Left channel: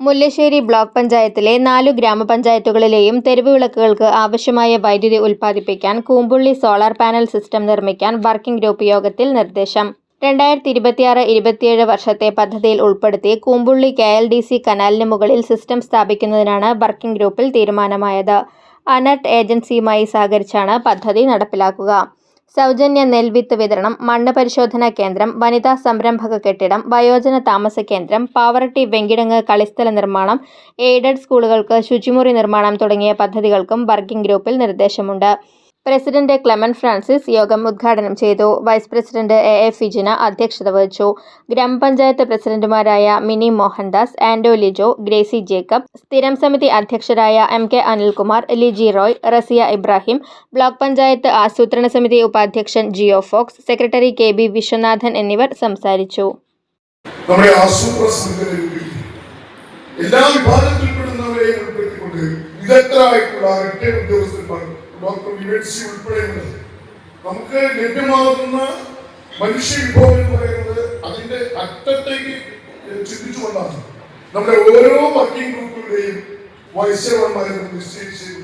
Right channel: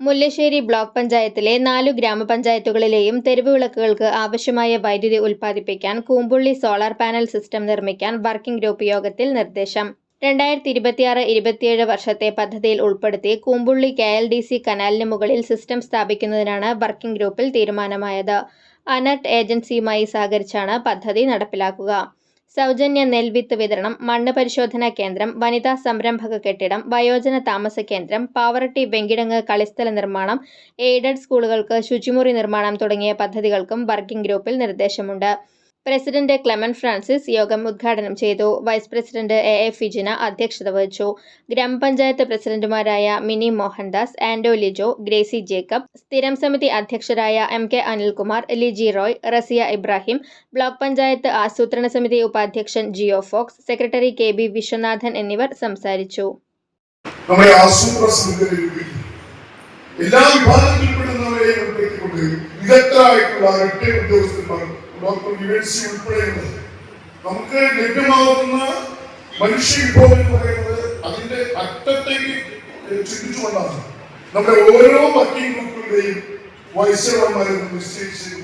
Mullassery block പഞ്ചായത്തിലെ 4 ഗ്രാമപഞ്ചായത്തുകളിലെയും തെരുവ് വിളക്കുകൾക്ക് ആവശ്യമായ വൈദ്യുതി ഉൽപ്പാദിപ്പിക്കാൻ കൂമ്പുള്ളി സോളാർ പാനൽ സിസ്റ്റം നിർമ്മിക്കാൻ വർക്കിംഗ് ഗ്രൂപ്പ് യോഗത്തിൽ നിർദ്ദേശം. 2026-27 വർഷത്തെ പദ്ധതിയിൽ ഉൾപ്പെടുത്തി കൂമ്പുള്ളി KLDC കനാലിന് മുകളിൽ സിസ്റ്റം സ്ഥാപിക്കുന്നതിനാണ് വർക്കിംഗ് ഗ്രൂപ്പിൽ തീരുമാനമായത്. അനർട്ട് ഏജൻസിയുമായി സഹകരിച്ചാണ് പദ്ധതി നടപ്പിലാക്കുക. സൗജന്യ നെൽവിത്ത് വിതരണം, മണ്ണ് പരിശോധനാ കേന്ദ്രം, വനിതാ സംരംഭക കെട്ടിടം, വയോജന താമസ കേന്ദ്രം, പാവറട്ടി വെങ്കിടങ്ങ് കളിസ്ഥല നിർമ്മാണം, എയ്ഡഡ് സ്കൂളുകൾക്ക് ശുചിമുറി നിർമ്മാണം തുടങ്ങിയ പദ്ധതികൾക്കും വർക്കിംഗ് ഗ്രൂപ്പിൽ നിർദ്ദേശമുണ്ട്. പ്രസിഡന്റ് ക്ലെമന്റ് ഫ്രാൻസിസ് യോഗം ഉദ്ഘാടനം ചെയ്തു. വൈസ് പ്രസിഡന്റ് AA ഫിജിന അധ്യക്ഷത വഹിച്ചു. ഗ്രാമപഞ്ചായത്ത് പ്രസിഡന്റുമാരായ മിനി മോഹൻദാസ്, ആൻഡോ ലിജോ, ഗ്രേസി ജേക്കബ്, സ്ഥിരം സമിതി അധ്യക്ഷരായ MK അനിൽകുമാർ, ലിജി റോയ്, റസിയ ഇബ്രാഹിം, ബ്ലോക്ക് പഞ്ചായത്ത് ആസൂത്രണ സമിതി ഉപാധ്യക്ഷൻ ജിയോ ഫോക്സ്, സെക്രട്ടറി KB വിശ്വനാഥൻ എന്നിവർ സംസാരിച്ചു. എല്ലാ വിഭാഗത്തിൽപ്പെടുന്നവരെയും ഉൾപ്പെടുത്തിക്കൊണ്ട് വിദഗ്ധരായിട്ടുള്ള ഡോക്ടർ യുഎൻസി ഉൾപ്പെടെയുണ്ട്. നമുക്ക് ലഭ്യമാകുന്ന മനുഷ്യ വിഭവം എന്ന് പറയുന്നത് അതിന്റെ അറ്റത്തേക്ക് ചിന്തിച്ചുകൊണ്ടാണ് നമ്മുടെ ഓരോ വർക്കിംഗ് ഗ്രൂപ്പുകളുടെയും വൈസ് ചെയർമാൻമാരെ നിശ്ചയിച്ചു